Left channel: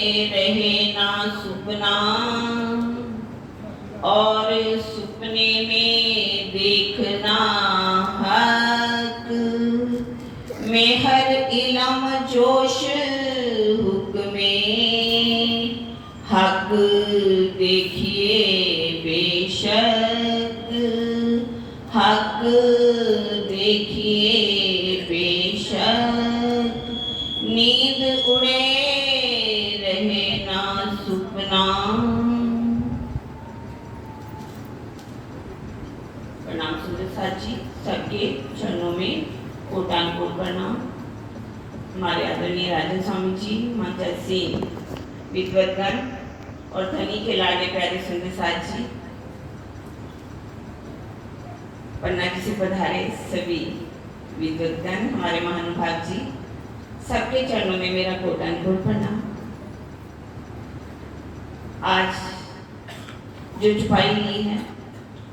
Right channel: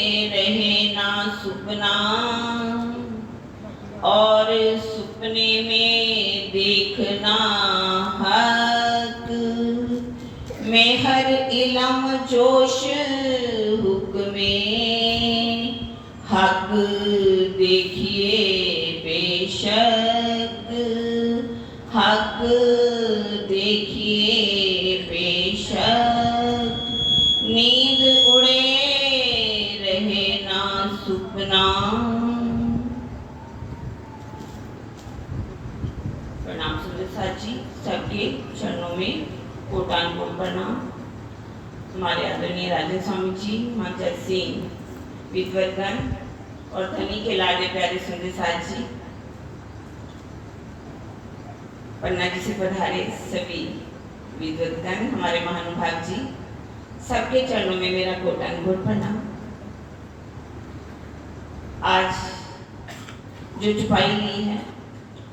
रहे ना सुपना और सुपने में देखना हक में हर इलम जोश हुक्मे हक देखिए बेशक हक देखिए बेशक नींद उड़े रहे ना सुपना। प्रणाम सुंदर साथ जी, सबके चरणों में कोटान कोट प्रणाम। हमारे आदरणीय राजन स्वामी जी, मंचल सिंह, विद्वतगण और धनी के लाडले प्यारे सुंदर साथ जी, पन्ना जी से पधारे सभी विद्वतगण, हमारे महानुभाव जी, सबके चरणों में मेरा कोटान कोट प्रणाम। आज जो छुपाई ली है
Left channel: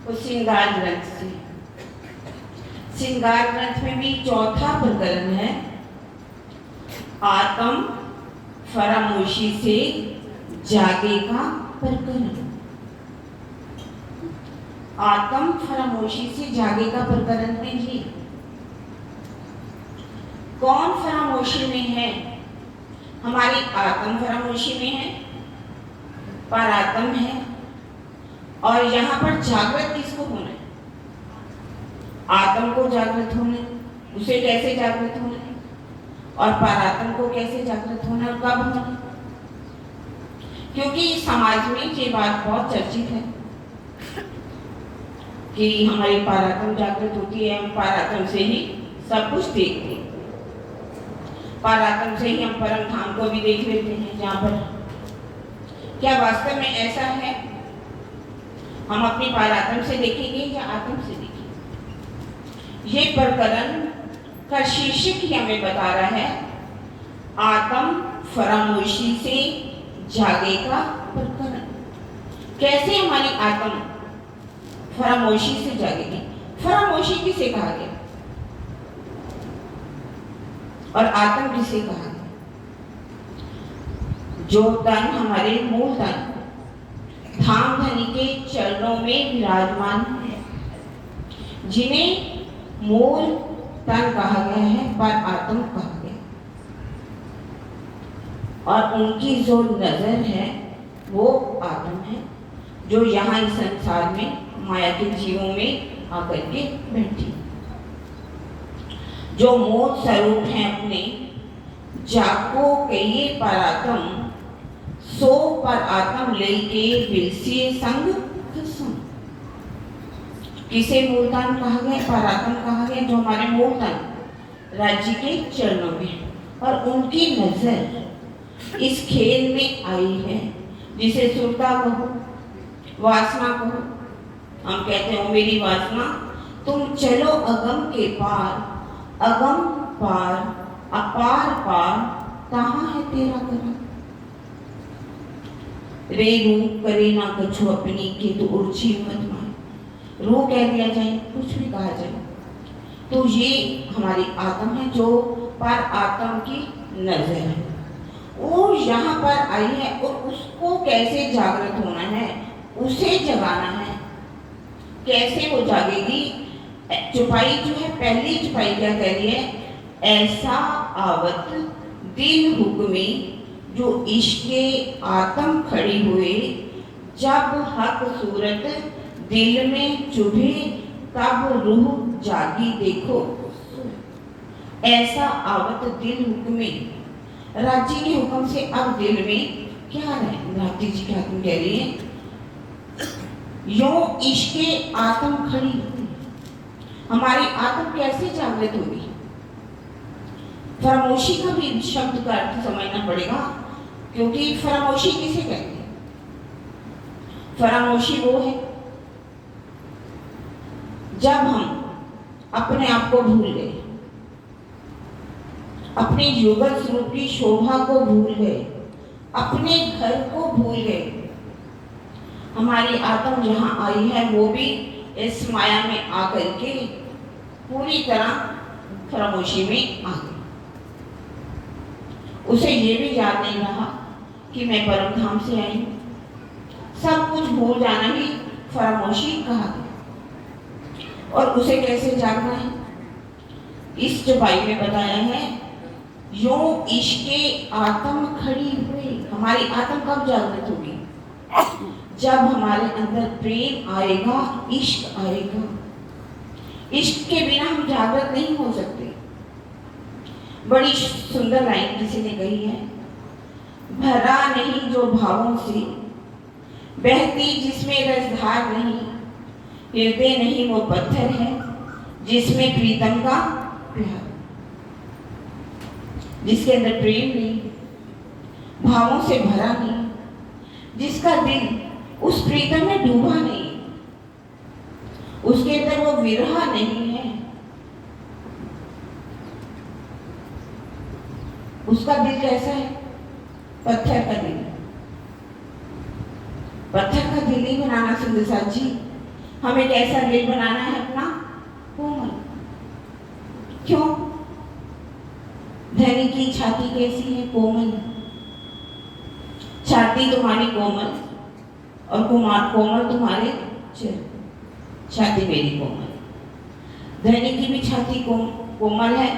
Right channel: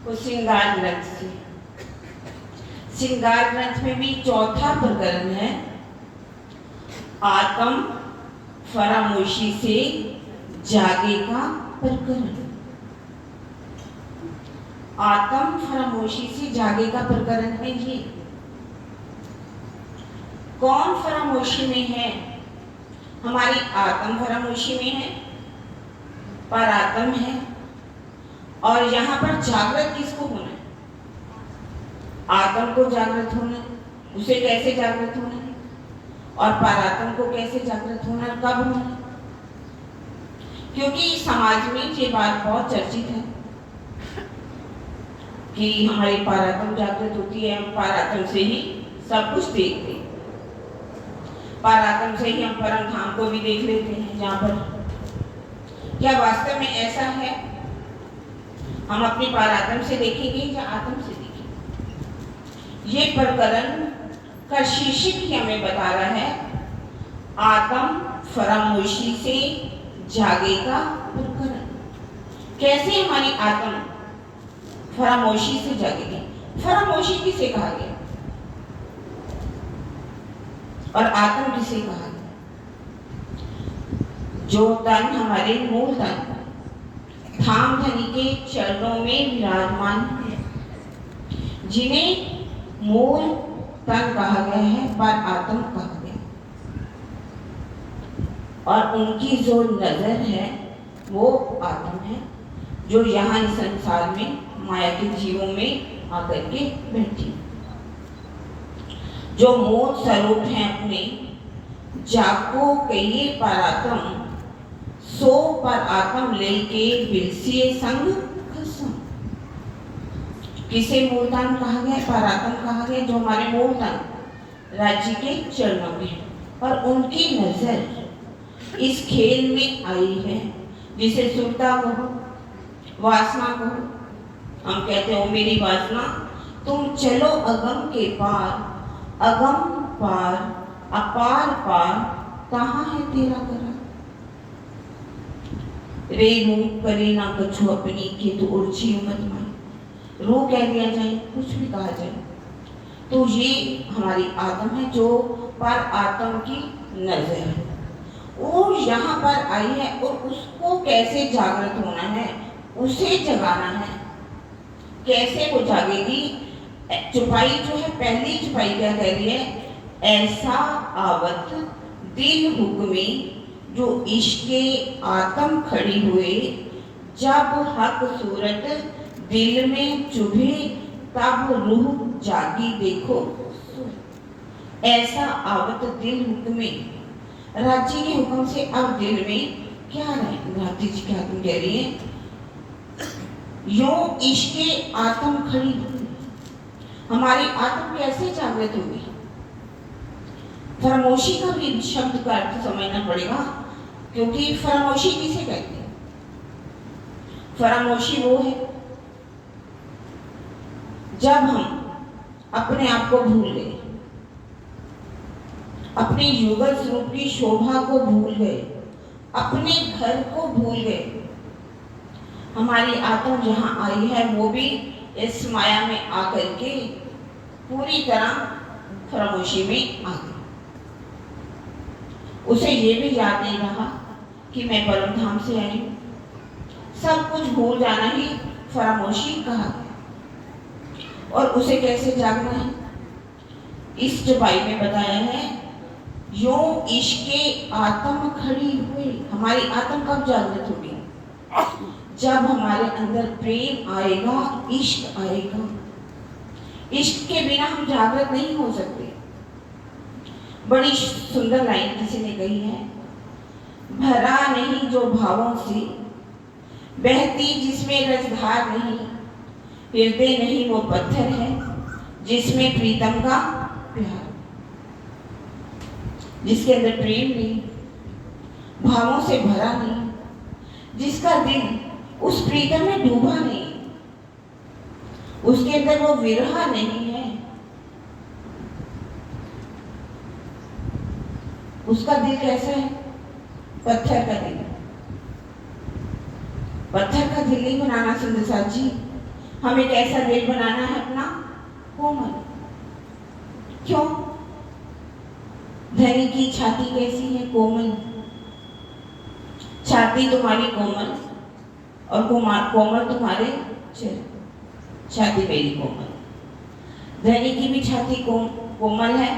वो श्रृंगार ग्रंथ से। श्रृंगार ग्रंथ में भी चौथा प्रकरण है, आत्म फरामोशी से जागेगा प्रकरण। आत्म फरामोशी से जागेगा प्रकरण में ही कौन फरामोशी में है? हमारी आत्म फरामोशी में है, परात्म है। और यहाँ पर जागृत किसको होना है? आत्म को जागृत होना, उसे कैसे जागृत होना है, और परात्म को कैसे जागृत होना, कब होना? क्योंकि समाज में ये बात बहुत चर्चित है कि हमारी परात्म जागृत होती है, हम परात्म से ही सब कुछ देखते हैं, परात्म से ही हम परम धाम को भी देख लेते हैं। जहाँ पर क्या वास्तव में ऐसा है? हम अपनी परात्म से देखेंगे या आत्म से देखेंगे? ये प्रकरण का शीर्षक ही हमें बता रहा है, आत्म फरामोशी से जागेगा प्रकरण। कैसे हमारी आत्म फरामोशी से जागेगी? फरामोशी किसे कहा गया और आत्म किसे कहा गया? जो तन हमारे मूल तन धाम धनी के चरणों में विराजमान है, जिन्हें मूल तन कहा गया है, पर आत्म कहा गया, और उनकी जो नजर है वो आत्म है, जो यहाँ इस संसार में माया के जीवों में आकर के बैठी, जो मूल स्वरूप है अपने, जाको कहिए परात्म सो पर आत्म लेके बिलसिए संग कसम। किसे मूलतन कहा गया? परात्म कहा गया, जो हमारे मूलतन राज्य के चरणों में, और उनकी नजर इस खेल में आई है, जिसे सुरता कहो, वासना कहो। हम कहते हो मेरी वासना, तुम चलो अगम के पार, अगम पार अपार पार, कहाँ है तेरा करा? रेणु करे ना कछु अपनी के तो उर्ची मत मार। रू कह दिया जाए, कुछ भी कहा जाए, तो ये हमारी आत्म है, जो पर आत्म की नजर है, वो यहाँ पर आई है, और उसको कैसे जागृत होना है, उसे जगाना है। कैसे वो जागेगी? चुपाई जो है, पहली चुपाई क्या कह रही है? ऐसा आवत दिल हुक्मे, जो इश्के आत्म खड़ी हुए, जब हक सूरत दिल में चुभे, तब रूह जागी देखो। ऐसा आवत दिल हुक्मे, राज्य के हुक्म से अब दिल में क्या है? राज्य जी क्या तुम कह रही है? यो इश्के आत्म खड़ी हुई, हमारी आत्म कैसे जागृत होगी? फरामोशी का भी शब्द का अर्थ समझना पड़ेगा, क्योंकि फरामोशी किसे कहते हैं? फरामोशी वो है जब हम अपने आप को भूल गए, अपनी युगल स्वरूप की शोभा को भूल गए, अपने घर को भूल गए। हमारी आत्म जहां आई है, वो भी इस माया में आकर के पूरी तरह फरामोशी में आ गई। उसे ये भी याद नहीं रहा कि मैं परम धाम से आई हूँ। सब कुछ भूल जाना ही फरामोशी कहा और उसे कैसे जागना है, इस चौपाई में बताया है। यो इश्के आत्म खड़ी हुए, हमारी आत्म कब जागृत होगी? जब हमारे अंदर प्रेम आएगा, इश्क आएगा। इश्क के बिना हम जागृत नहीं हो सकते। बड़ी सुंदर लाइन किसी ने कही है, भरा नहीं जो भावों से, बहती जिसमें रसधार नहीं, हृदय नहीं वो पत्थर है जिसमें प्रीतम का प्यार। जिसके अंदर प्रेम नहीं, भावों से भरा नहीं, जिसका दिल उस प्रीतम में डूबा नहीं, उसके अंदर वो विरह नहीं है, उसका दिल कैसा है? पत्थर का दिल। पत्थर का दिल नहीं बनाना सुंदर साथ जी, हमें कैसा दिल बनाना है अपना? कोमल। क्यों? धनी की छाती कैसी है? कोमल। छाती तुम्हारी कोमल और कोमल तुम्हारे चरण। छाती मेरी कोमल। धनी की भी छाती कोमल है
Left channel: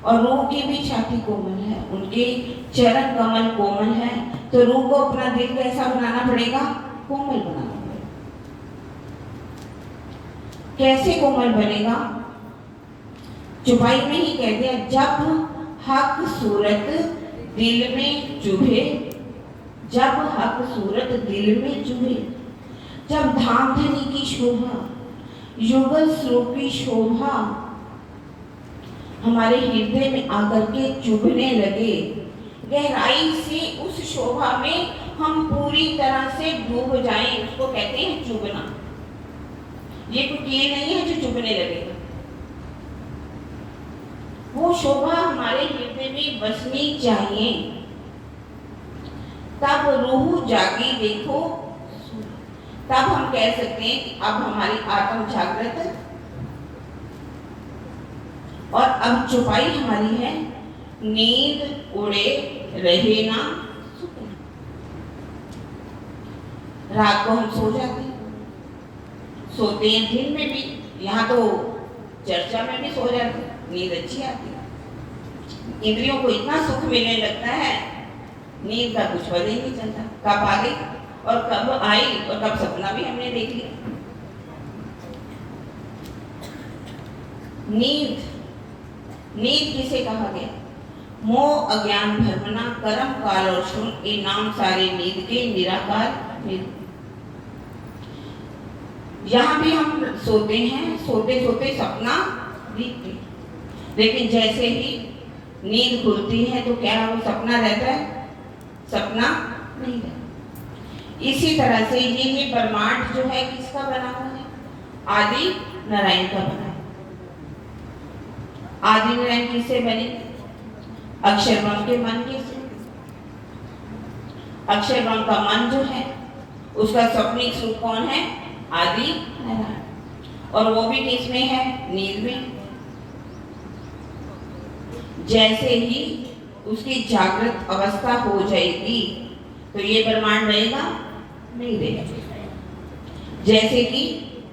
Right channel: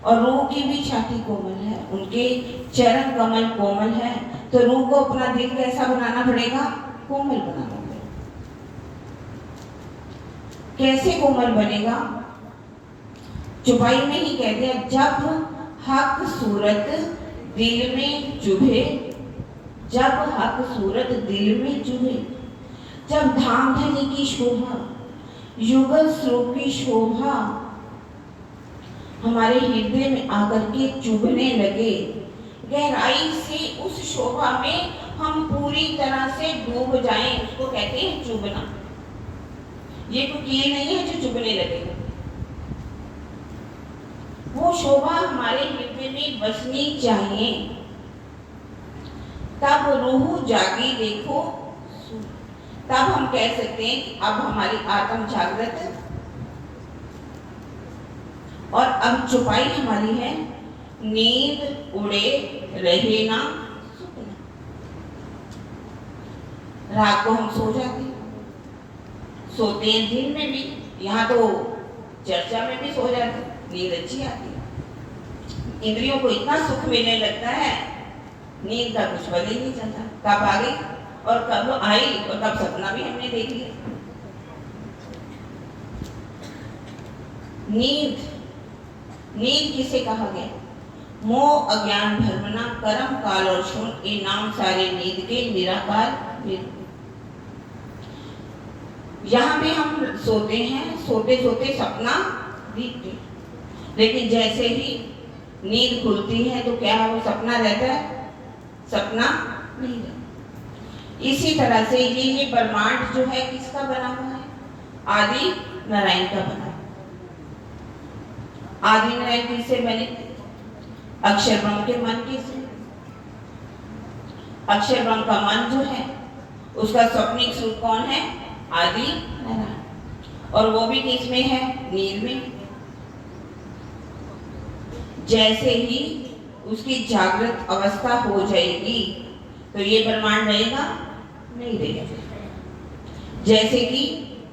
और रूह की भी छाती कोमल है, उनके चरण कमल कोमल है। तो रूह को अपना दिल कैसा बनाना पड़ेगा? कोमल बनाना पड़ेगा। कैसे कोमल बनेगा? चौपाई में ही कह दिया, जब हक सूरत दिल में चुभे, जब हक सूरत दिल में चुभे, जब धाम धनी की शोभा, युगल स्वरूप की शोभा हमारे हृदय में आकर के चुभने लगे, गहराई से उस शोभा में हम पूरी तरह से डूब जाएं, उसको कहते हैं चुभना। ये कोई कील नहीं है जो चुभने लगेगा। वो शोभा हमारे हृदय में बसनी चाहिए, तब रूह जागी देखो, तब हम कह सकते हैं कि अब हमारी आत्म जागृत। और अब चौपाई हमारी है, नींद उड़े रहे ना सुकून। रात को हम सो जाते हैं, सोते हैं दिन में भी, यहाँ तो चर्चा में भी सो जाते हैं, नींद अच्छी आती है। इंद्रियों को इतना सुख मिलने लगता है, नींद का कुछ पता ही नहीं चलता कब आ गई और कब आई और कब सपना भी हमने देख लिया। नींद किसे कहा गया? मोह अज्ञान भ्रमना कर्म काल और श्रम, ये नाम सारे नींद के निराकार। यहाँ भी हम सोते हैं, सोते सोते सपना दिखते, लेकिन जैसे ही नींद खुलती है तो क्या वो सपना रहता है? सपना नहीं रहता। इसी तरह से ये ब्रह्मांड जो है किसका बना हुआ है? आदि नारायण का बना है। आदि नारायण किससे बने? अक्षर ब्रह्म के मन के से। अक्षर ब्रह्म का मन जो है उसका स्वप्निक स्वरूप कौन है? आदि नारायण। और वो भी किसमें है? नींद में। जैसे ही उसकी जागृत अवस्था हो जाएगी तो ये ब्रह्मांड रहेगा? नहीं रहेगा। जैसे कि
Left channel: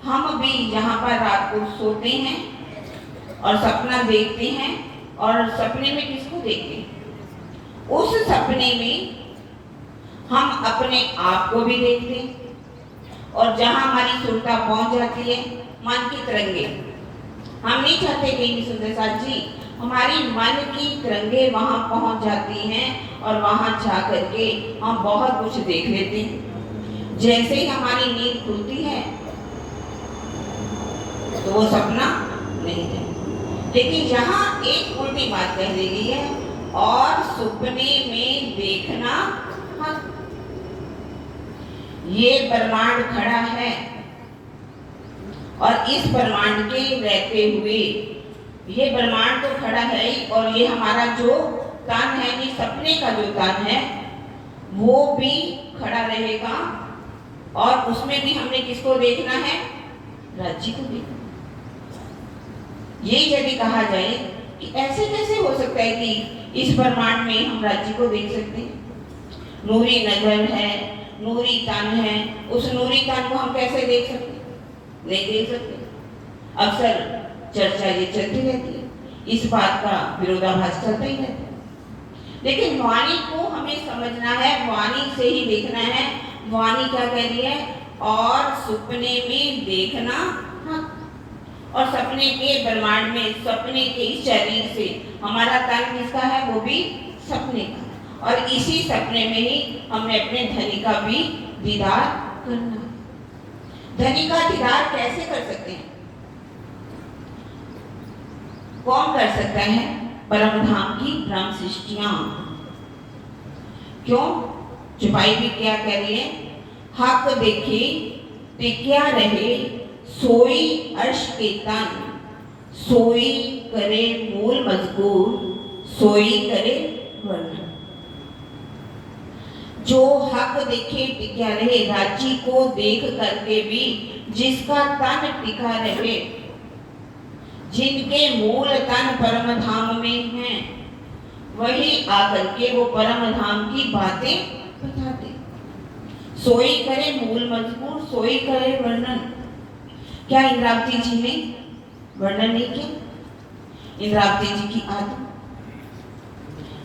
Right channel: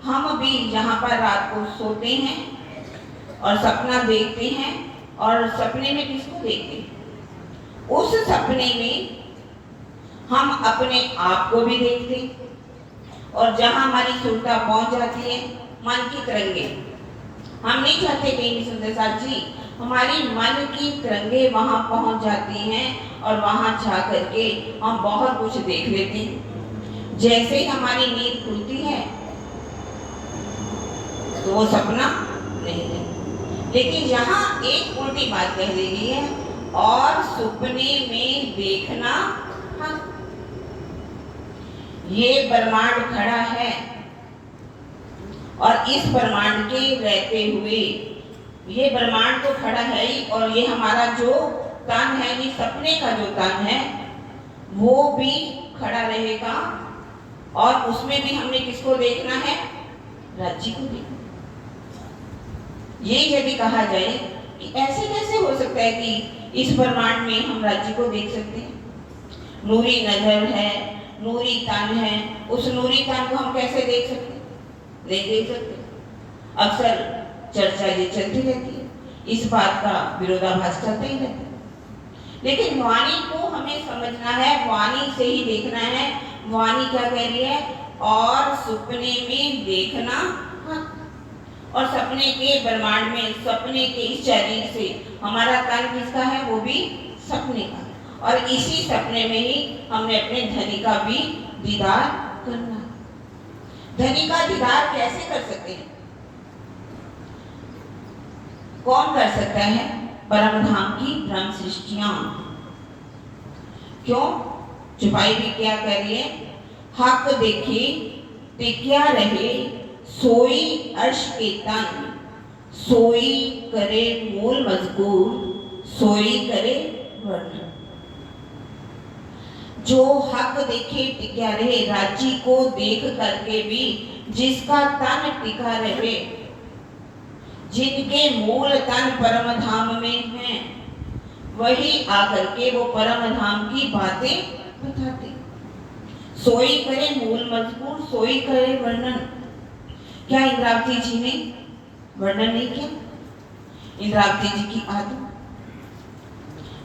हम भी यहाँ पर रात को सोते हैं और सपना देखते हैं, और सपने में किसको देखते हैं? उस सपने में हम अपने आप को भी देखते हैं, और जहां हमारी सुरता पहुंच जाती है, मन की तरंगे, हम नहीं चाहते कहीं भी सुनते साथ जी, हमारी मन की तरंगे वहां पहुंच जाती हैं और वहां जा करके हम बहुत कुछ देख लेते हैं। जैसे ही हमारी नींद खुलती है तो वो सपना नहीं है। लेकिन यहाँ एक उल्टी बात कह दी गई है, और सपने में देखना। हाँ, ये ब्रह्मांड खड़ा है और इस ब्रह्मांड के रहते हुए, ये ब्रह्मांड तो खड़ा है ही, और ये हमारा जो तन है, ये सपने का जो तन है वो भी खड़ा रहेगा, और उसमें भी हमने किसको देखना है? राज्य को देखना। ये यदि कहा जाए कि ऐसे कैसे हो सकता है कि इस ब्रह्मांड में हम राज्य को देख सकते हैं? नूरी नजर है, नूरी तन है, उस नूरी तन को हम कैसे देख सकते? नहीं देख सकते। अक्सर चर्चा ये चलती रहती है, इस बात का विरोधाभास चलता ही रहता है। लेकिन वाणी को हमें समझना है, वाणी से ही देखना है। वाणी क्या कह रही है? और सपने में देखना हक। और सपने के ब्रह्मांड में, सपने के इस शरीर से हमारा तन किसका है? वो भी सपने का। और इसी सपने में ही हमें अपने धनी का भी दीदार करना। धनी का दीदार कैसे कर सकते हैं? कौन कर सकता है? परम धाम की ब्रह्म सृष्टियां। क्यों? चुपाई भी क्या कह रही है? हक देखे टिक्या रहे, सोई अर्श के तन, सोई करे मूल मजबूर, सोई करे वर्णन। जो हक देखे टिक्या रहे, राज्य को देख करके भी जिसका तन टिका रहे, जिनके मूल तन परम धाम में हैं, वही आकर के वो परम धाम की बातें बताते। सोई करे मूल मजबूर, सोई करे वर्णन। क्या इंद्रावती जी ने वर्णन नहीं किया? इंद्रावती जी की आत्मा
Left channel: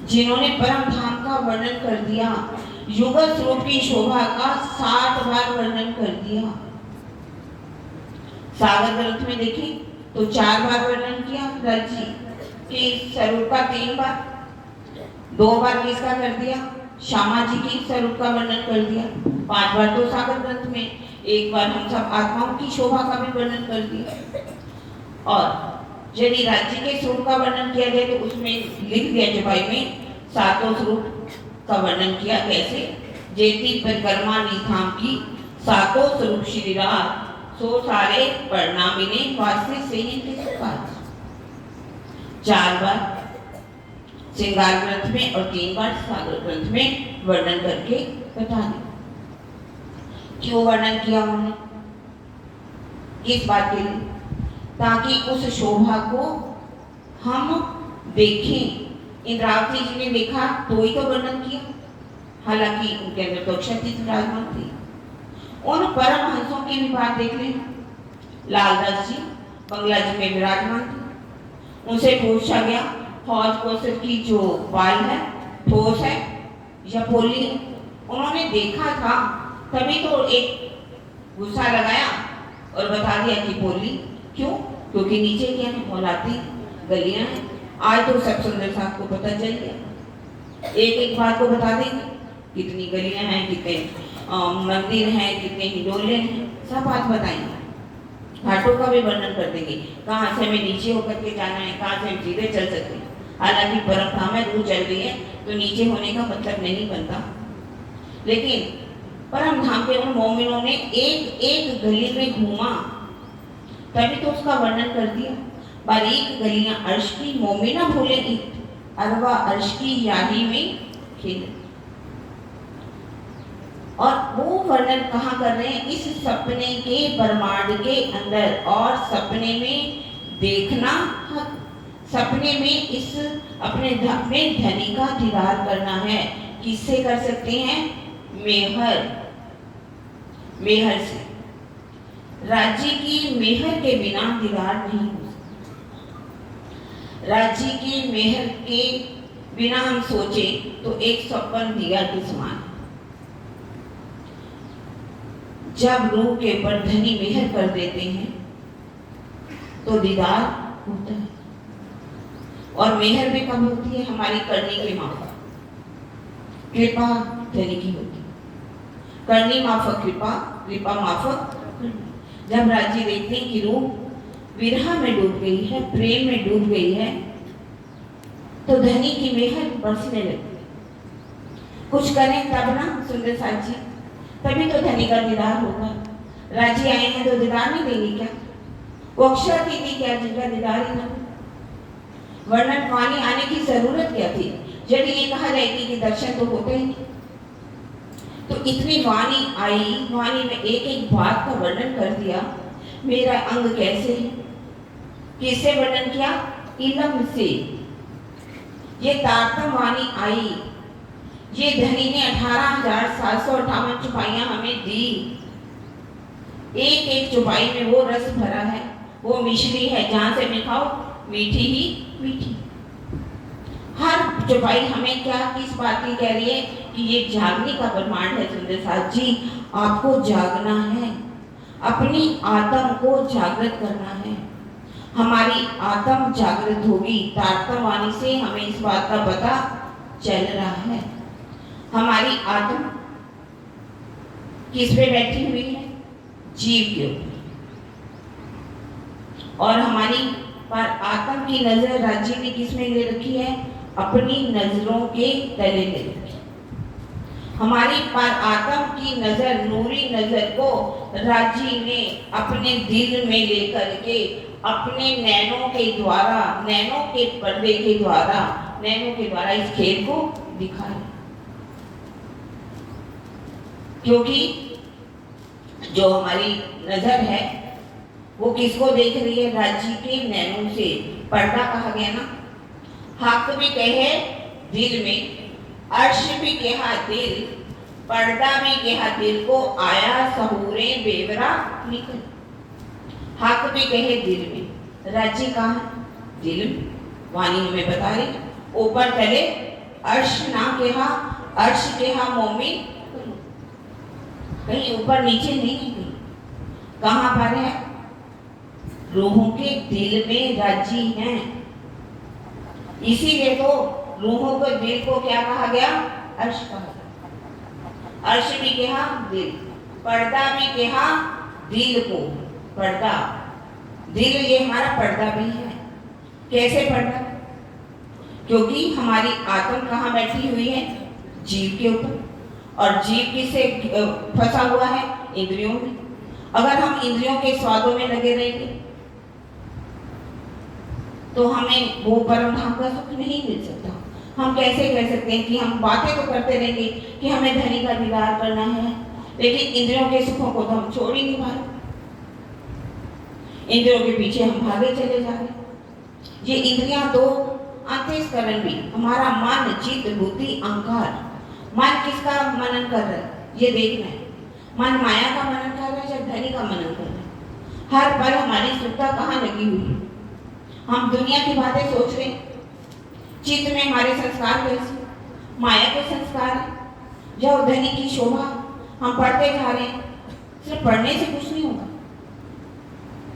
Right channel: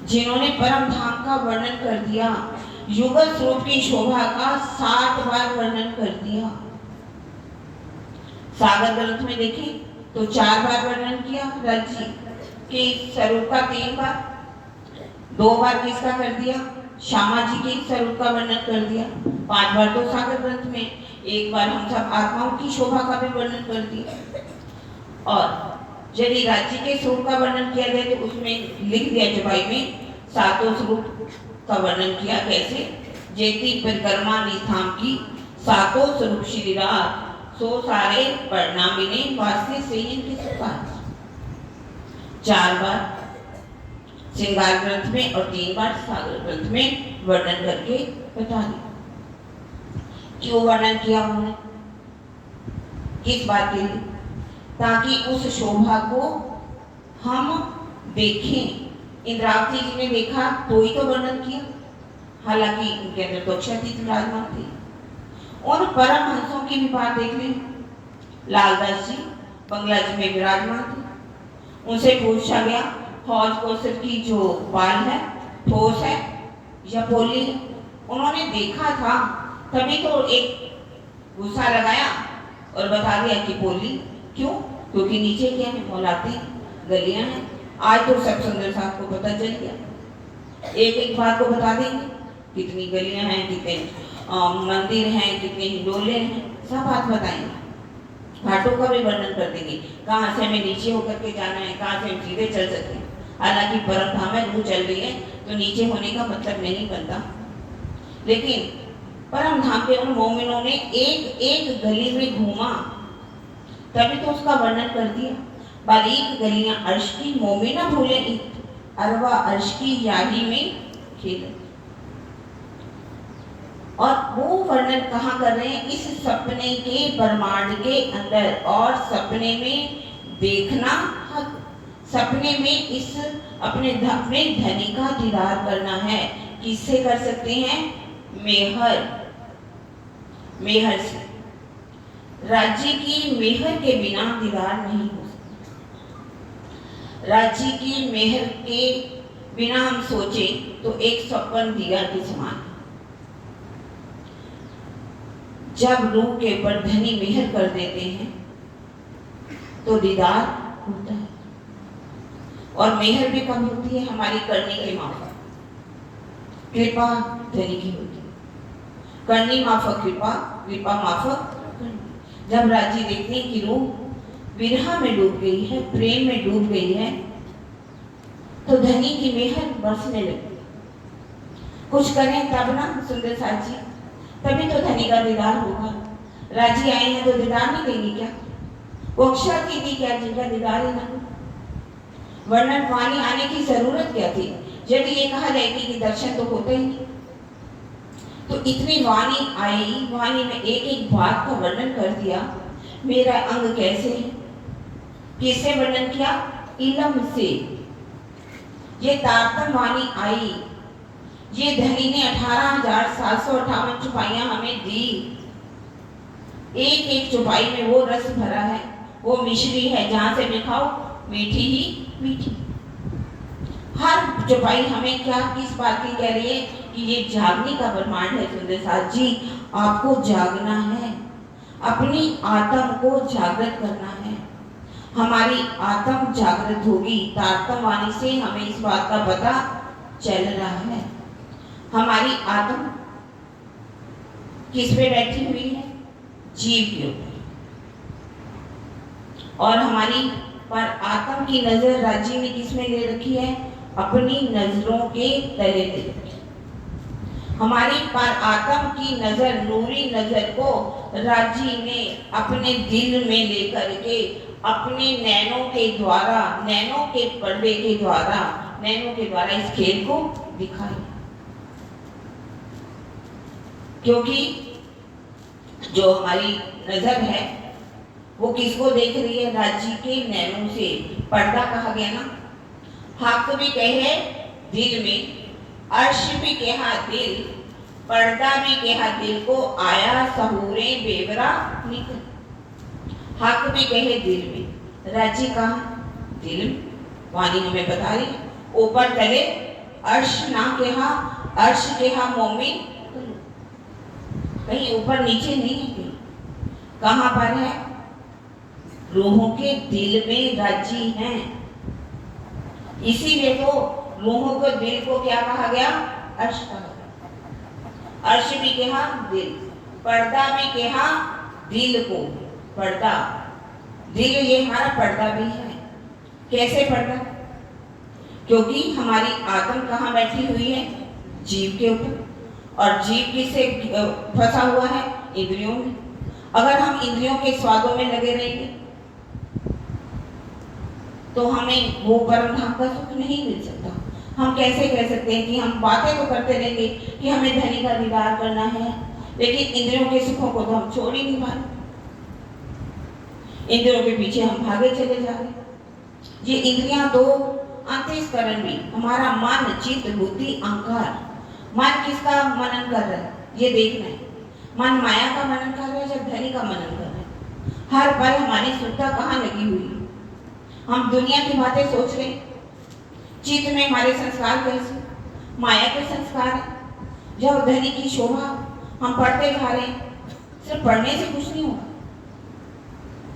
जिन्होंने परम धाम का वर्णन कर दिया, युगल स्वरूप की शोभा का 60 बार वर्णन कर दिया। सागर ग्रंथ में देखिए तो 4 बार वर्णन किया राज्य के स्वरूप का, 3 बार, 2 बार किसका कर दिया? श्यामा जी के स्वरूप का वर्णन कर दिया। 5 बार तो सागर ग्रंथ में, 1 बार हम सब आत्माओं की शोभा का भी वर्णन कर दिया। और यदि राज्य के स्वरूप का वर्णन किया जाए तो उसमें लिख दिया चौपाई में 7 स्वरूप का वर्णन किया। कैसे? जेती परिक्रमा निधाम की 7 स्वरूप श्री रात, सो सारे परिणामिने वास्ते से इनके सुपात। 4 बार श्रृंगार ग्रंथ में और 3 बार सागर ग्रंथ में वर्णन करके बता दिया। क्यों वर्णन किया उन्होंने? किस बात के लिए? ताकि उस शोभा को हम देखें। इंद्रावती जी ने देखा तो ही तो वर्णन किया, हालांकि उनके अंदर तो अक्षय विराजमान थी। उन परम हंसों की भी बात देख लें। लालदास जी बंगला जी में विराजमान थे। उनसे पूछा गया हौज कौशल की जो बाल है ठोस है या पोली है? उन्होंने देखा था तभी तो एक गुस्सा लगाया और बता दिया कि पोली। क्यों? क्योंकि नीचे क्या है? मौलाती गलियां हैं। आज तो सब सुंदर साहब को पता चल गया, एक एक बात को बता देंगे, कितनी गलियां हैं, कितने मंदिर हैं, कितने हिंडोले हैं, सब बात बताएंगे। घाटों का भी वर्णन कर देंगे, कहाँ से हमें नीचे होकर के जाना है, कहाँ से हम सीधे चल सकते हैं। हालांकि परम धाम में रूह चल रही है तो नीचे होने का मतलब नहीं बनता, लेकिन परम धाम पे उन मोमिनों ने एक एक गली में घूमा तभी तो उसका वर्णन कर दिया। बारीक गलियां अर्श की मोमिना भूले अरवा अर्श की यारी में खेले। और वो वर्णन कहाँ कर रहे हैं? इस सपने के ब्रह्मांड के अंदर। और सपने में देखना हक, सपने में इस अपने धनी का दीदार करना है। किससे कर सकते हैं? मेहर, मेहर से। राज्य की मेहर के बिना दीदार नहीं हो सकता। राज्य की मेहर के बिना हम सोचे तो एक सपन दिया के समान। जब रूह के ऊपर धनी मेहर कर देते हैं तो दीदार होता है। और मेहर भी कब होती है? हमारी करने के माफक। कृपा धनी की होती है, करनी माफक कृपा, कृपा माफक करनी। जब राज्य देखते हैं कि रूह विरह में डूब गई है, प्रेम में डूब गई है, तो धनी की मेहर बरसने लगती है। कुछ करें तब ना सुंदर साथ जी, तभी तो धनी का दीदार होगा। राजी आए हैं तो दीदार नहीं देंगे क्या? वो अक्षर की थी क्या जिनका दीदार ही ना हो? वर्णन वाणी आने की जरूरत क्या थी? यदि ये कहा जाए कि दर्शन तो होते ही नहीं, तो इतनी वाणी आई, वाणी में एक एक बात का वर्णन कर दिया। मेरा अंग कैसे है, किससे वर्णन किया? इलम से। ये तारतम वाणी आई ये धनी ने 18,758 चौपाइयां हमें दी। एक एक चौपाई में वो रस भरा है, वो मिश्री है, जहां से भी खाओ मीठी ही मीठी। हर चौपाई हमें क्या किस बात की कह रही है कि ये जागने का ब्रह्मांड है। सुंदर साथ जी, आपको जागना है, अपनी आत्म को जागृत करना है। हमारी आत्म जागृत होगी, तारतम वाणी से हमें इस बात का पता चल रहा है। हमारी आत्म किस पे बैठी हुई है? जीव के ऊपर। और हमारी पर आत्म की नजर राज्य ने किस में ले रखी है? अपनी नजरों के तले ले रखी है। हमारी पर आत्म की नजर, नूरी नजर को राजी ने अपने दिल में लेकर के अपने नैनों के द्वारा, नैनों के पर्दे के द्वारा, नैनों के द्वारा इस खेल को दिखाया। क्योंकि जो हमारी नजर है वो किसको देख रही है? राज्य के नैनों से। पर्दा कहा गया ना, हक भी कहे दिल में, अर्श भी कहा दिल, पर्दा भी कहा दिल को, आया सहूरे बेवरा निकल। हक भी कहे दिल में, राज्य कहा दिल में, वाणी हमें बता रही। ऊपर तले अर्श ना कहा, अर्श कहा मोमिन, कहीं ऊपर नीचे नहीं है। कहां पर है? रूहों के दिल में राजी हैं। इसीलिए तो रूहों के दिल को क्या कहा गया? अर्श कहा गया। अर्श भी कहा दिल, पर्दा भी कहा दिल को। पर्दा, दिल ये हमारा पर्दा भी है। कैसे पर्दा? क्योंकि हमारी आत्म कहाँ बैठी हुई है? जीव के ऊपर। और जीव किससे फंसा हुआ है? इंद्रियों में। अगर हम इंद्रियों के स्वादों में लगे रहेंगे तो हमें वो परम धाम का सुख नहीं मिल सकता। हम कैसे कह सकते हैं कि हम बातें तो करते रहेंगे कि हमें धनी का दीदार करना है, लेकिन इंद्रियों के सुखों को तो हम छोड़ ही नहीं पाए। इंद्रियों के पीछे हम भागे चले जा रहे। ये इंद्रियां दो अंतःकरण भी, हमारा मन, चित्त, बुद्धि, अहंकार। मन किसका मनन कर रहा है? ये देखना है। मन माया का मनन कर रहा है या धनी का मनन कर रहा है? हर पल हमारी श्रद्धा कहाँ लगी हुई है? हम दुनिया की बातें सोच रहे हैं। चित्त में हमारे संस्कार कैसे? माया के संस्कार है। जो धनी की शोभा हम पढ़ते जा रहे हैं। सिर्फ पढ़ने से कुछ नहीं होगा।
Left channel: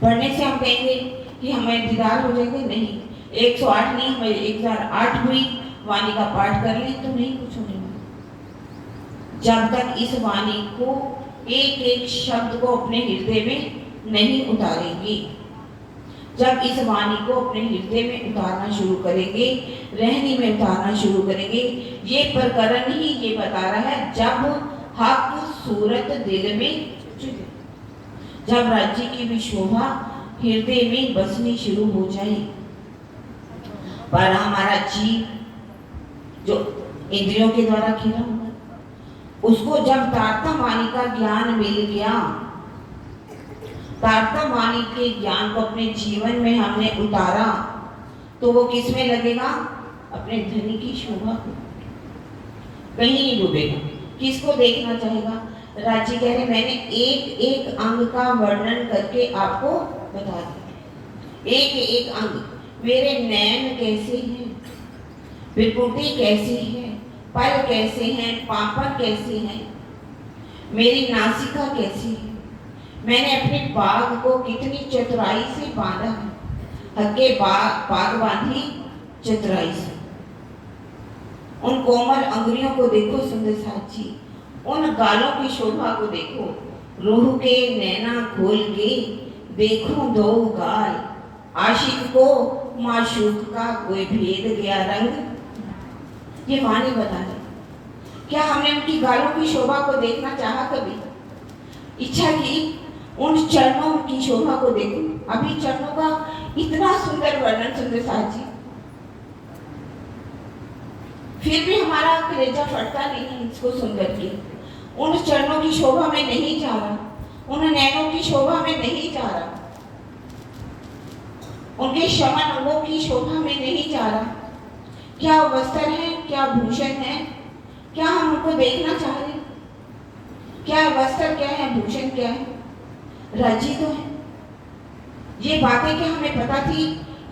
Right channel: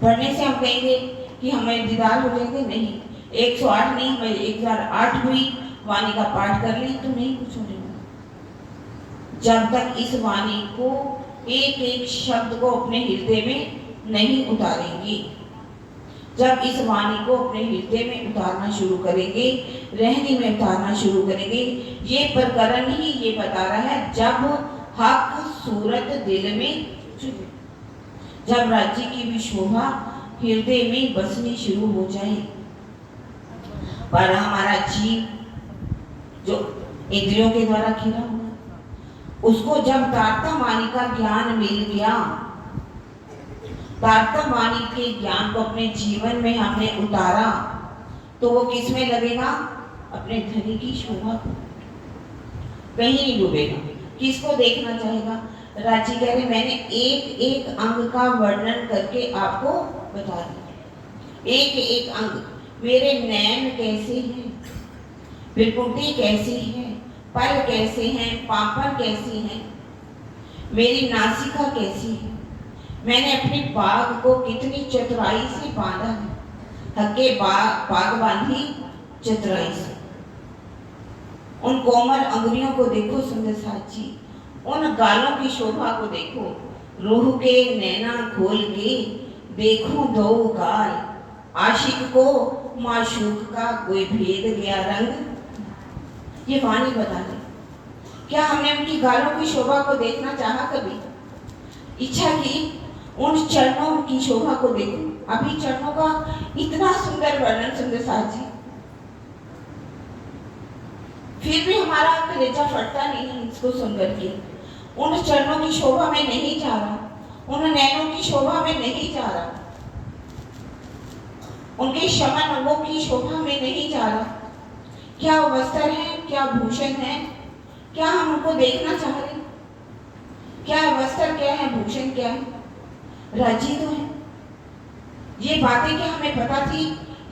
पढ़ने से हम कहेंगे कि हमें दीदार हो जाएंगे, नहीं। 108 नहीं, हमें 1008 हुई वाणी का पाठ कर ली तो नहीं कुछ होने वाला। जब तक इस वाणी को एक एक शब्द को अपने हृदय में नहीं उतारेंगे, जब इस वाणी को अपने हृदय में उतारना शुरू करेंगे, रहनी में उतारना शुरू करेंगे, ये प्रकरण ही ये बता रहा है। जब हक सूरत दिल में, जब राज्य की भी शोभा हृदय में बसनी शुरू हो जाए। पर हमारा जीव जो इंद्रियों के द्वारा खिला हुआ, उसको जब तारतम वाणी का ज्ञान मिल गया, तारतम वाणी के ज्ञान को अपने जीवन में हमने उतारा, तो वो किस में लगेगा? अपने धनी की शोभा को। कहीं नहीं डूबेगा। किसको देखना चाहेगा? राज्य कह रहे मैंने एक एक अंग का वर्णन करके आपको बता दिया। एक एक अंग, मेरे नैन कैसे हैं, बिरकुटी कैसी है, पल कैसे हैं, पापड़ कैसी हैं, मेरी नासिका कैसी है, मैंने अपने बाग को कितनी चतुराई से बांधा है। हक्के बाग बांधी चतुराई से। उन कोमल अंगुलियों को देखो सुंदर साथ जी, उन गालों की शोभा को देखो। रूह के नैना खोल के देखो दो गाल, आशिक को माशूक का कोई भेद गया रंग। ये वाणी बता रही। क्या हमने उनकी गालों की शोभा को देखना चाहा कभी? इच्छा की उन चरणों की शोभा को देखो। अभी चरणों का इतना सुंदर वर्णन सुंदर साथ जी, फिर भी हमारा कलेजा फटता नहीं इसको सुनकर के। उन चरणों की शोभा में नहीं जा रहा, उन नैनों की शोभा में नहीं जा रहा, उनके शमन अंगों की शोभा में नहीं जा रहा। क्या वस्त्र है, क्या भूषण है, क्या हम उनको देखना चाह रहे हैं? क्या वस्त्र क्या है, भूषण क्या है? राजी तो है। ये बातें क्या हमें पता थी?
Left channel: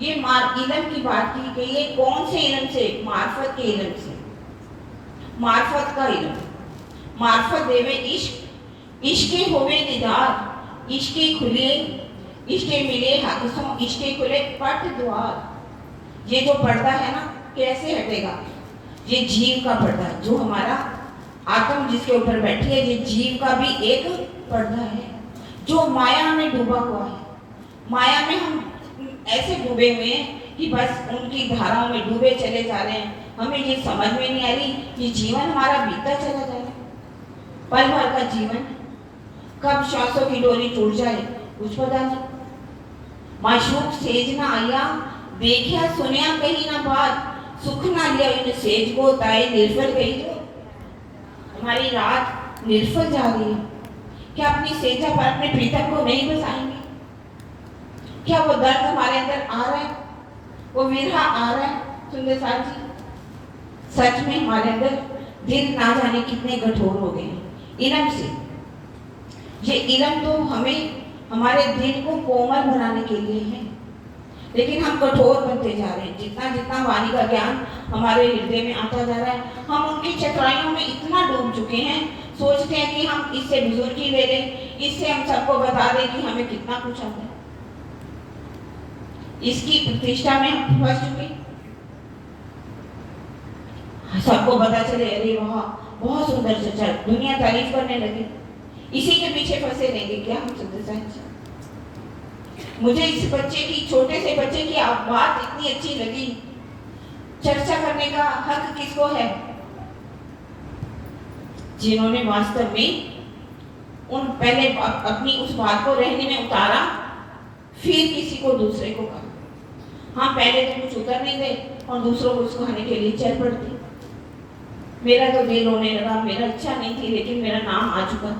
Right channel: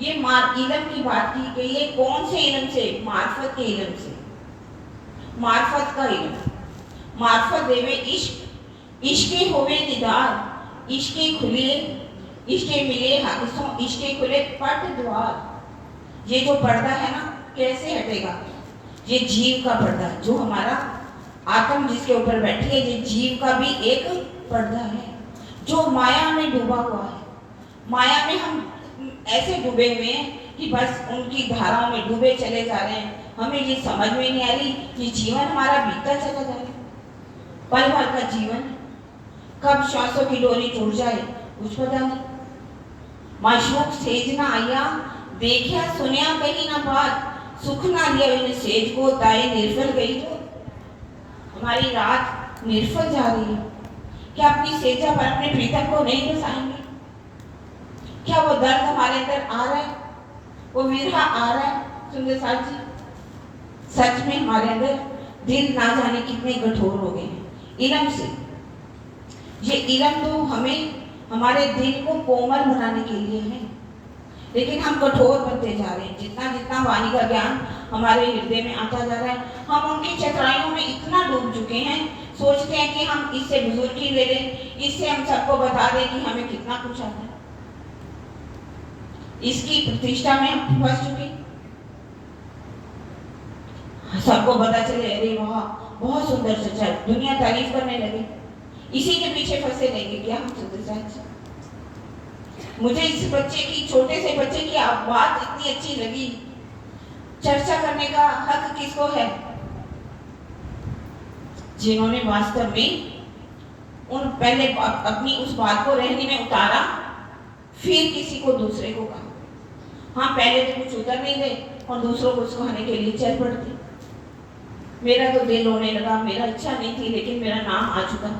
ये इलम की बात की गई है। कौन से इलम से? मार्फत के इलम से। मार्फत का इलम। मार्फत देवे इश्क, इश्के होवे दीदार, इश्के खुले, इश्के मिले हादसों, इश्के खुले पट द्वार। ये जो पर्दा है ना, कैसे हटेगा? ये जीव का पर्दा, जो हमारा आत्म जिसके ऊपर बैठी है, ये जीव का भी एक पर्दा है, जो माया में डूबा हुआ है। माया में हम ऐसे डूबे हुए हैं कि बस उनकी धाराओं में डूबे चले जा रहे हैं। हमें ये समझ में नहीं आ रही कि जीवन हमारा बीतता चला जा रहा है। पल भर का जीवन, कब श्वासों की डोरी टूट जाए कुछ पता नहीं। माशूक सेज ना आया, देखिया सुनिया कहीं ना बात, सुख ना लिया इन सेज को, ताए निर्फल गई जो। हमारी रात निर्फल जा रही है। क्या अपनी सेजा पर अपने प्रीतम को नहीं बसाएंगे? क्या वो दर्द हमारे अंदर आ रहा है? वो विरहा आ रहा है? सुंदर साथ जी, सच में हमारे अंदर दिल ना जाने कितने कठोर हो गए हैं इलम से। ये इलम तो हमें हमारे दिल को कोमल बनाने के लिए है, लेकिन हम कठोर बनते जा रहे हैं। जितना जितना वाणी का ज्ञान हमारे हृदय में आता जा रहा है, हम उनकी चतुराइयों में इतना डूब चुके हैं, सोचते हैं कि हम इससे बुजुर्गी ले लें, इससे हम सबको बता दें कि हमें कितना कुछ आता है। इसकी प्रतिष्ठा में हम फंस चुके। सबको पता चले, अरे वाह बहुत सुंदर सच्चा, दुनिया तारीफ करने लगी, इसी के पीछे फंसे रहेंगे क्या हम? सुंदर साहब, मुझे इस बच्चे की, छोटे से बच्चे की बात इतनी अच्छी लगी। चर्चा करने का हक किसको है? जिन्होंने वास्तव में उन पहले अपनी उस बात को रहने में उतारा, फिर किसी को दूसरे को कहा। हाँ, पहले तो कुछ उतर नहीं दे और दूसरों को उसको खाने के लिए चल पड़ते। मेरा तो दिल होने लगा, मेरा इच्छा नहीं थी, लेकिन मेरा नाम आ चुका।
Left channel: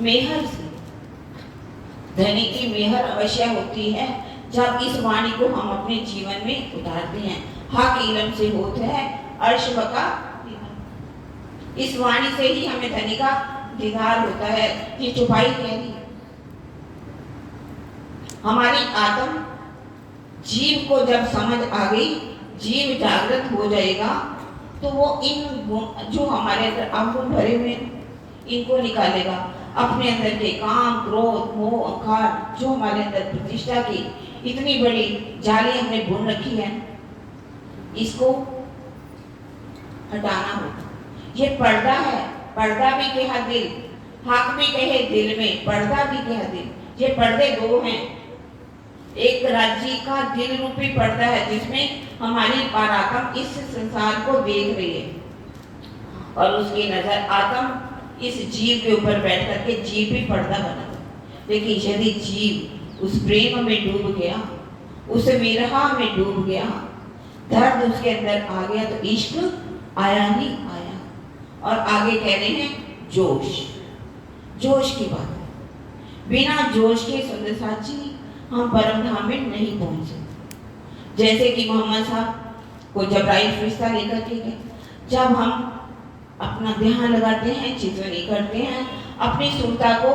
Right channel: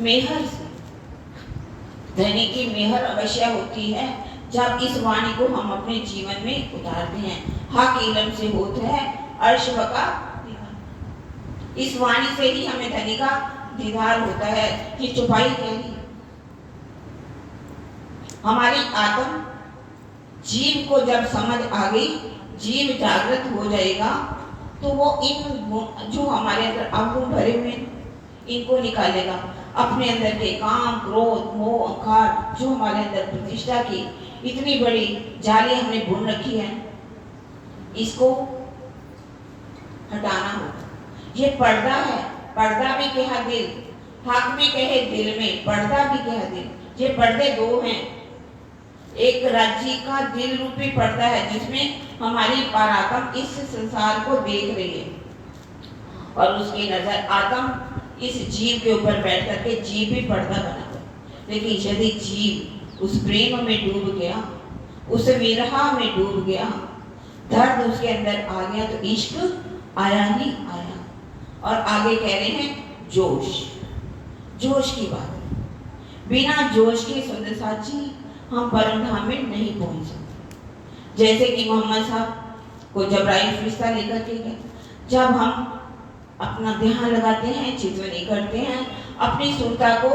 मेहर से धनी की मेहर अवश्य होती है जब इस वाणी को हम अपने जीवन में उतारते हैं। हक इलम से होता है अर्श का दीदार। इस वाणी से ही हमें धनी का दीदार होता है। ये चुपाई कह रही है। हमारी आत्म जीव को जब समझ आ गई, जीव जागृत हो जाएगा, तो वो इन जो हमारे अंदर अवगुण भरे हुए इनको निकालेगा। अपने अंदर के काम, क्रोध, मोह, अहंकार, जो हमारे अंदर प्रतिष्ठा की इतनी बड़ी जाली हमने बुन रखी है, इसको हटाना होगा। ये पर्दा है। पर्दा भी कहा दिल, हक भी कहे दिल में, पर्दा भी कहा दिल। ये पर्दे दो हैं। एक राज्य का दिल रूपी पर्दा है, जिसमें हमारी परात्म इस संसार को देख रही है, और उसकी नजर आत्म इस जीव के ऊपर बैठ करके जीव भी पर्दा बना। लेकिन यदि जीव उस प्रेम में डूब गया, उस विरह में डूब गया, दर्द उसके अंदर आ गया, तो इश्क आया ही आया। और आगे कह रहे हैं जोश, जोश की बात। बिना जोश के सुंदर साथ जी हम परम धाम में नहीं पहुंच सकते। जैसे कि मोहम्मद साहब को जबराइल फरिश्ता लेकर के गए, जब हम अपना ध्यान लगाते हैं, चितवनी करते हैं, अपनी सुरता को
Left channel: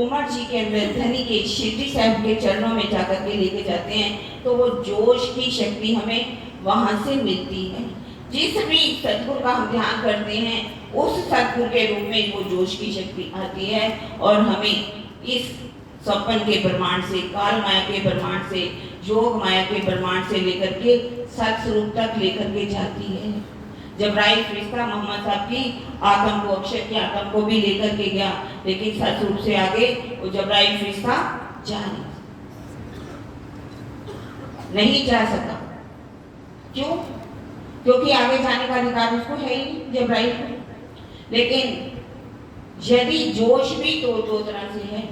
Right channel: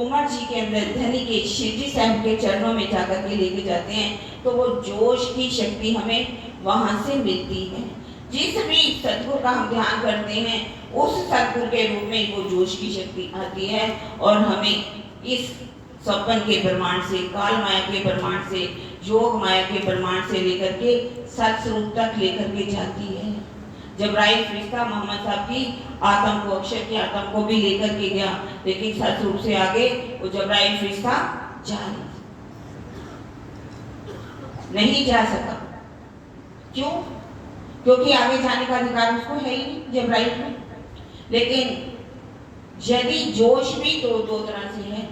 उमर जी के अंदर धनी के शिरडी साहब के चरणों में जाकर के लेके जाते हैं, तो वो जोश की शक्ति हमें वहां से मिलती है। जिस भी सतगुरु का हम ध्यान करते हैं, उस सतगुरु के रूप में वो जोश की शक्ति आती है, और हमें इस सपन के प्रमाण से, काल माया के प्रमाण से, योग माया के प्रमाण से लेकर के सत्स्वरूप तक लेकर के जाती है। जबराइल फरिश्ता मोहम्मद साहब की आत्म को, अक्षर की आत्म को भी लेकर के गया, लेकिन सत्स्वरूप से आगे वो जबराइल फरिश्ता नहीं जा सका। क्यों? क्योंकि आगे जाने का अधिकार उसको है ही नहीं जबराइल में। लेकिन यदि जोश भी दो तरह से है।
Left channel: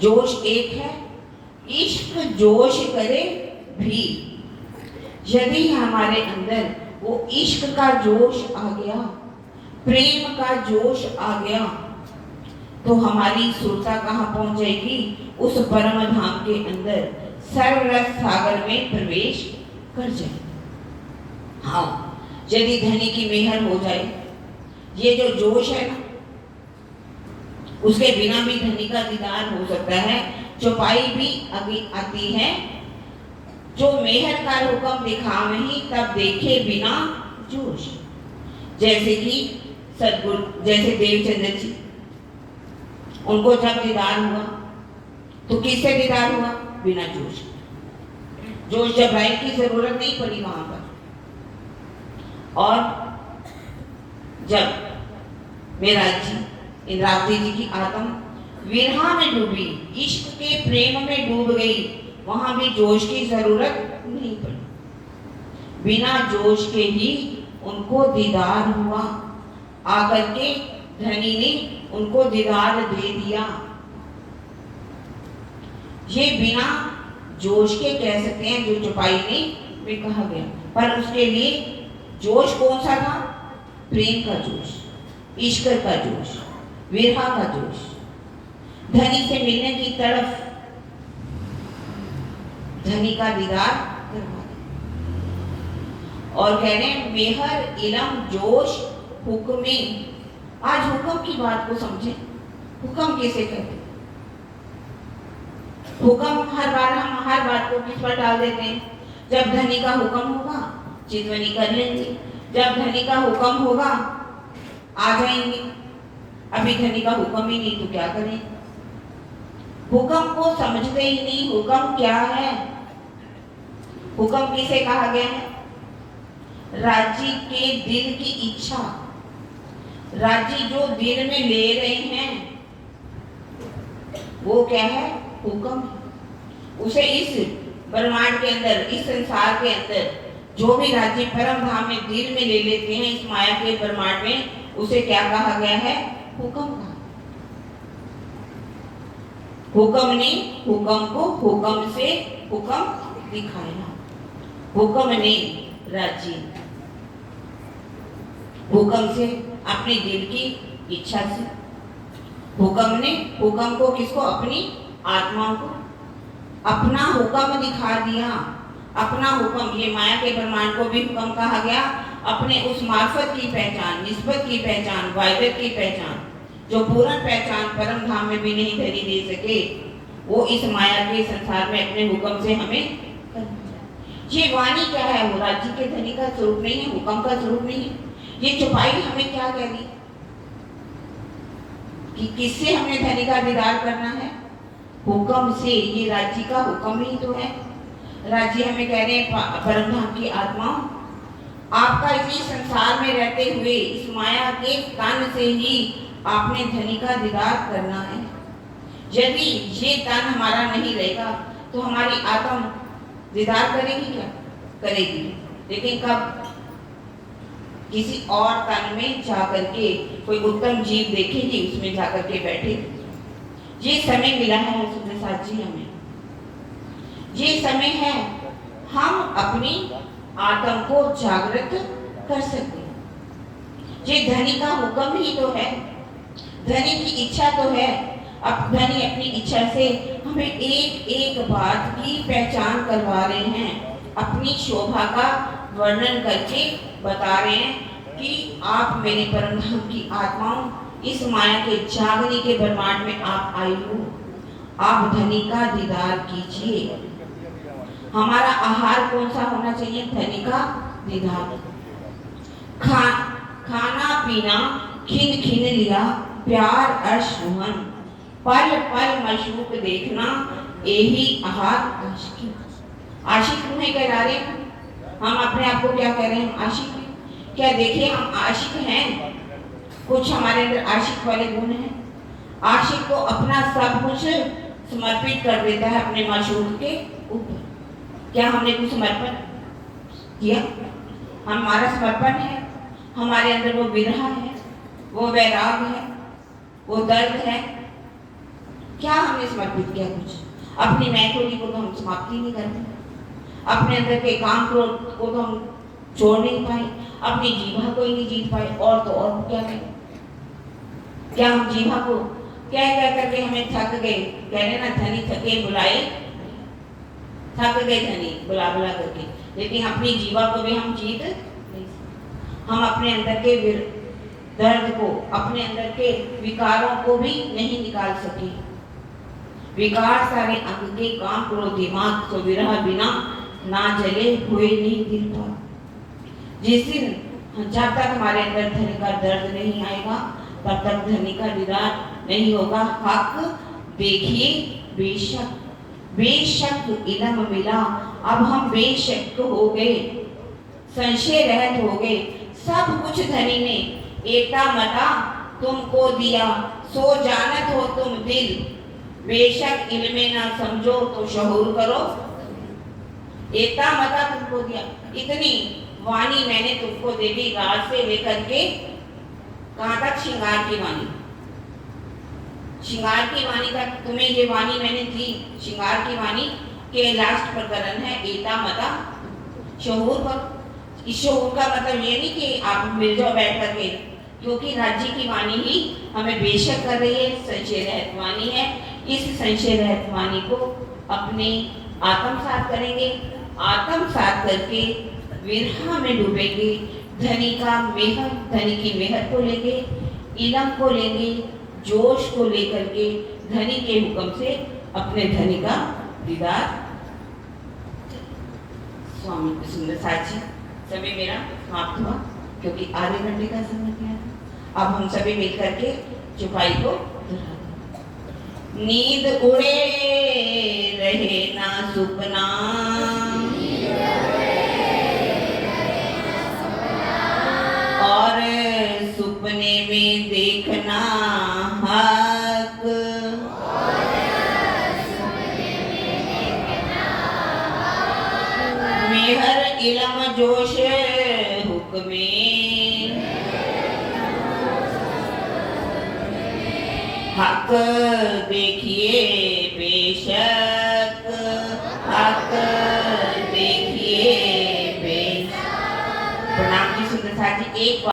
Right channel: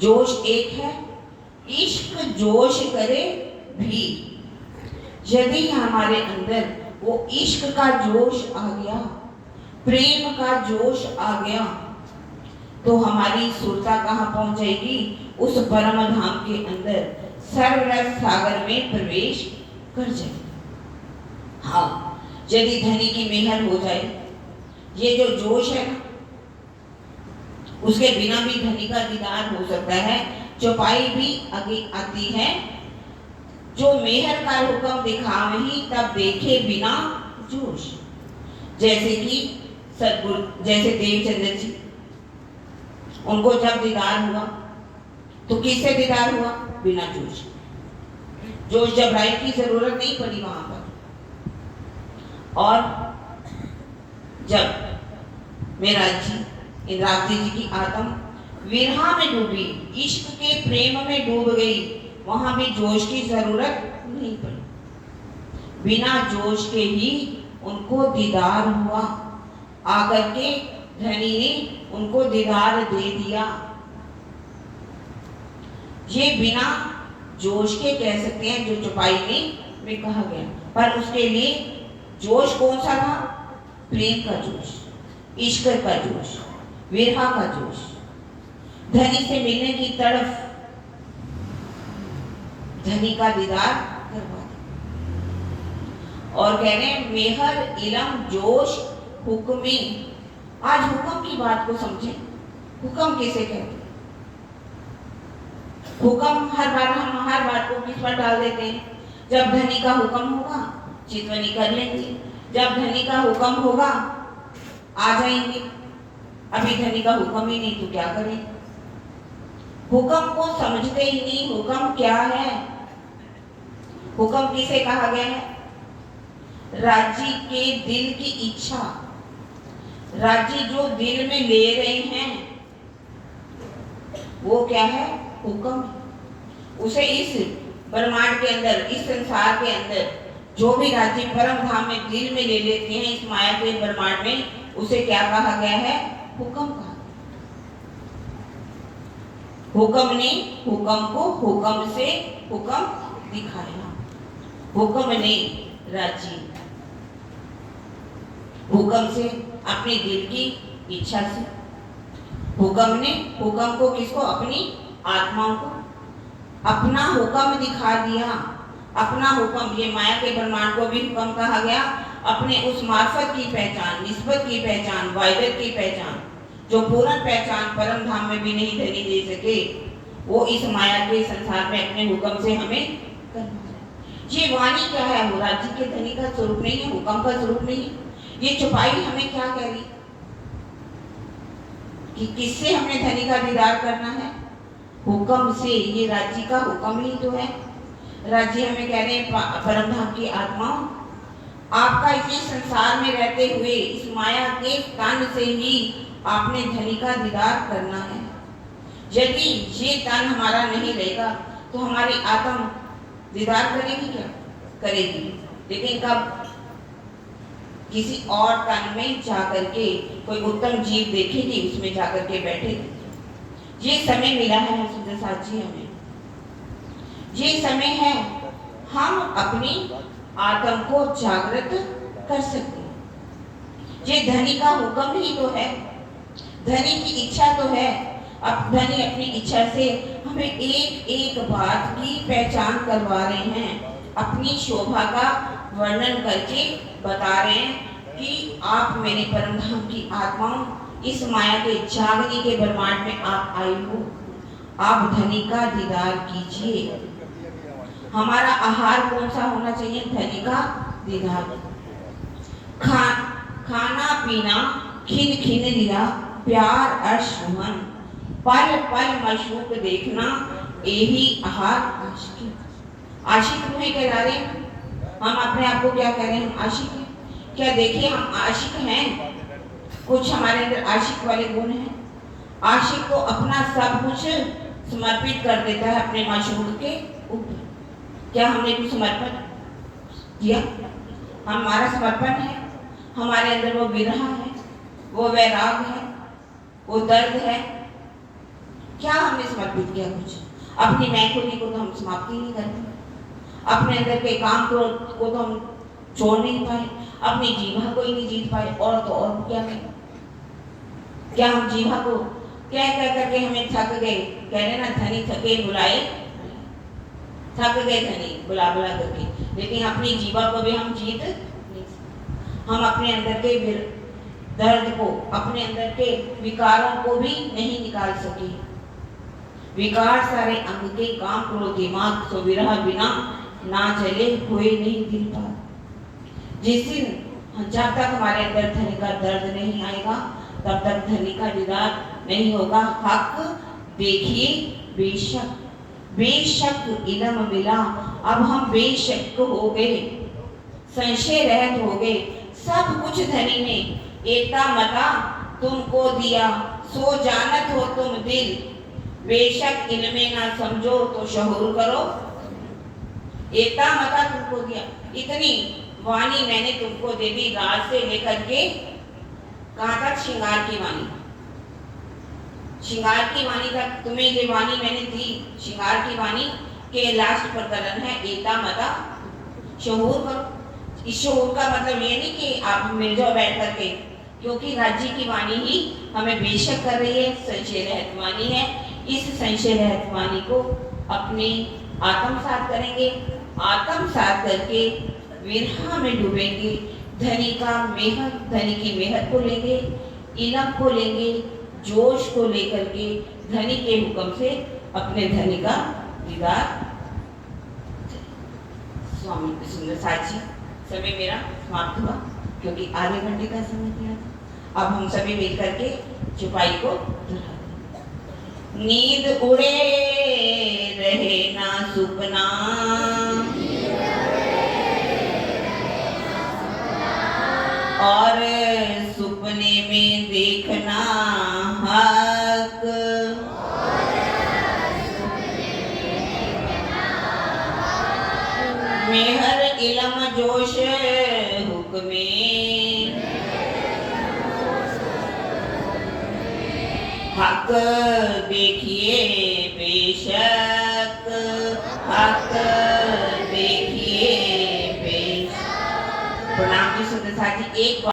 जोश एक है, इश्क जोश करे भी। यदि हमारे अंदर वो इश्क का जोश आ गया, प्रेम का जोश आ गया, तो हमारी सुरता कहाँ पहुंच जाएगी? उस परम धाम के अंदर सर्वरस सागर में प्रवेश कर जाएगी। हाँ, यदि धनी की मेहर हो जाए, ये जो जोश है ना, उसके बिना भी धनी का दीदार हो सकता है। चौपाई भी आगे आती है, जो मेहर का हुक्म दिखावही तब देखे बिना जोश। जैसे कि सदगुरु, जैसे देवचंद्र जी, उनको जब दीदार हुआ तो किससे दीदार हुआ? बिना जोश। जोश जबराई की जरूरत नहीं पड़ी वहां पर। और जब मेरा जी इंद्रावती जी की आत्म विरहा में डूबी, इश्क के प्रेम में डूब गई, वहां भी जोश की जरूरत नहीं पड़ी। बिना जोश के ही उनको दीदार हुआ। आकर के धनी ने उनको दीदार दे दिया। ये बिना जोश के कह सकते हैं, जो चौपाई में कहा गया। पर उसके लिए जोश कौन सा था? प्रेम का जोश, इश्क का जोश, विरहा का जोश, धनी से मिलने की तड़फ, धनी का दीदार करवा। और कह रहे हैं मेहर इलम जोश हुक्मी। आज हुक्म की बात को समझे, हुक्म कैसे करते? हुक्म हर बार हम हर बात को किस पर डाल देते हैं? जब धनी का हुक्म होगा चितवनी कर लेंगे, जब धनी का हुक्म होगा आ जाएंगे। अभी धनी का हुक्म ही नहीं तो क्या करें? हुक्म को समझते ही नहीं। हुक्म क्या है? हुक्म किसे कहा गया है? राजी के दिल की इच्छा। राजी जो दिल में ले रहे हैं वो क्या है? हुक्म। उसे इस ब्रह्मांड के अंदर, इस संसार के अंदर जो भी राज्य परम धाम में दिल में ले लेते हैं, इस माया के ब्रह्मांड में, उसे क्या कहा गया है? हुक्म कहा। हुक्म ने हुक्म को हुक्म से हुक्म दिखाया। हुक्म ने राज्य, हुक्म से अपने दिल की इच्छा से, हुक्म ने हुक्म को किसको? अपनी आत्मा को अपना हुक्म दिखा दिया। अपना हुक्म, ये माया के ब्रह्मांड को भी हुक्म कहा गया। अपने उस मार्फत की पहचान, निस्बत की पहचान, वायदत की पहचान, जो पूर्ण पहचान परम धाम में भी नहीं धनी दे सके, वो इस माया के संसार में अपने हुक्म से हमें करना। ये वाणी क्या है? वो राज्य के धनी का स्वरूप नहीं है, हुक्म का स्वरूप नहीं है। ये चौपाई हमें क्या कह रही कि किससे हमने धनी का दीदार करना है? हुक्म से। ये राज्य का हुक्म ही तो है। राज्य हमें कह रहे हैं परम धाम की आत्मा, आपका इसी संसार में रहते हुए इस माया के तन से ही आपने धनी का दीदार करना है। यदि ये तन हमारा नहीं रहेगा तो हमारी आत्मा दीदार करेगी क्या? करेगी, लेकिन कब? किसी और तन में जाकर के कोई उत्तम जीव देखेगी, उसमें जाकर के बैठेगी। ये समय मिला है सुदर्शन जी हमें, ये समय है हम अपनी आत्म को जागृत कर सकते हैं। ये धनी का हुक्म ही तो है, धनी की इच्छा तो है। अब धनी अपनी इच्छा से हमें एक एक बात की पहचान करवा रहे हैं, अपनी शोभा का वर्णन करके बता रहे हैं कि आप मेरे परम धाम की आत्माओं, इस माया के जागने के ब्रह्मांड में आप आई हो, आप धनी का दीदार कीजिए। हमारा आहार कौन सा होना चाहिए? धनी का दीदार। खाना पीना खिन खिन लिया, प्यार अर्श मन, पल पल मशूक देखना, यही आहार आशिकी। आशिक रूह कहला रहे हैं हम अपने आप को, क्या कह रहे हैं? आशिक हैं। क्या देखिए हम आशिक हैं? कुछ हमारे अंदर आशिक वाले गुण हैं। आशिक को अपना सब कुछ समर्पित कर देता है अपने माशूक के ऊपर। क्या हमने कुछ समर्पण किया? हमारा समर्पण है, हमारे अंदर वो विरह है, वो वैराग है, वो दर्द है। क्या हमने समर्पित किया? कुछ। अपनी मैथोली को तो हम समाप्ति नहीं करते, अपने अंदर के काम क्रोध को तो हम छोड़ नहीं पाए, अपनी जीवा को ही नहीं जीत पाए, और तो और क्या करें? क्या हम जीवा को कह करके हमें थक गए? कह रहे ना, धनी थके बुलाए, थक गए धनी बुला बुला करके, लेकिन अपनी जीवा को भी हम जीत हम अपने अंदर के दर्द को, अपने अंदर के विकारों को भी नहीं निकाल सके। विकार सारे अंग के काम करो दिमाग, तो विरह बिना ना जले हुए नहीं दिल पर। जिस दिन जब तक हमारे अंदर धनी का दर्द नहीं आएगा, तब तक धनी का दीदार नहीं होगा। हक देखिए बेशक, बेशक इल्म मिला, अब हम बेशक हो गए, संशय रहित हो गए। सब कुछ धनी ने एता मता तुमको दिया, सो जानत हो तुम दिल, बेशक इल्मे ना समझो तो शहूर करो। एता मता तुमको दिया, इतनी वाणी मैंने तुमको दे दी, रात से लेकर के कहाँ तक, श्रृंगार की वाणी। श्रृंगार की वाणी तक तुम्हें ये वाणी मैंने दी। श्रृंगार की वाणी के लास्ट प्रकरण है एता मता शहूर करो। इस शहूर का मतलब ये नहीं कि आप मिल जाओ बैठ करके, क्योंकि राज्य की वाणी ही हमें बेशक कर रही है, संशय रहित वाणी है। इस संशय रहित वाणी को अपने आत्मसात करेंगे, आत्मसात करके विरह में डूबेंगे। धनी का मेहर, धनी की मेहर को लेंगे, इलम को लेंगे, जोश को लेकर के धनी के हुक्म से अपने धनी का दीदार। स्वामी सुंदर साची, समय मेरा समाप्त हुआ क्योंकि आधे घंटे का समय दिया था। अब हम सभी मिलकर के चुपाई को नींद उड़े रहे ना सुपना, और सुपने में देखना हक, मेहर इलम जोश हुक्मे, हक देखिए बेशक, हक देखिए बेशक। प्रणाम जी सुंदर साथ जी। एक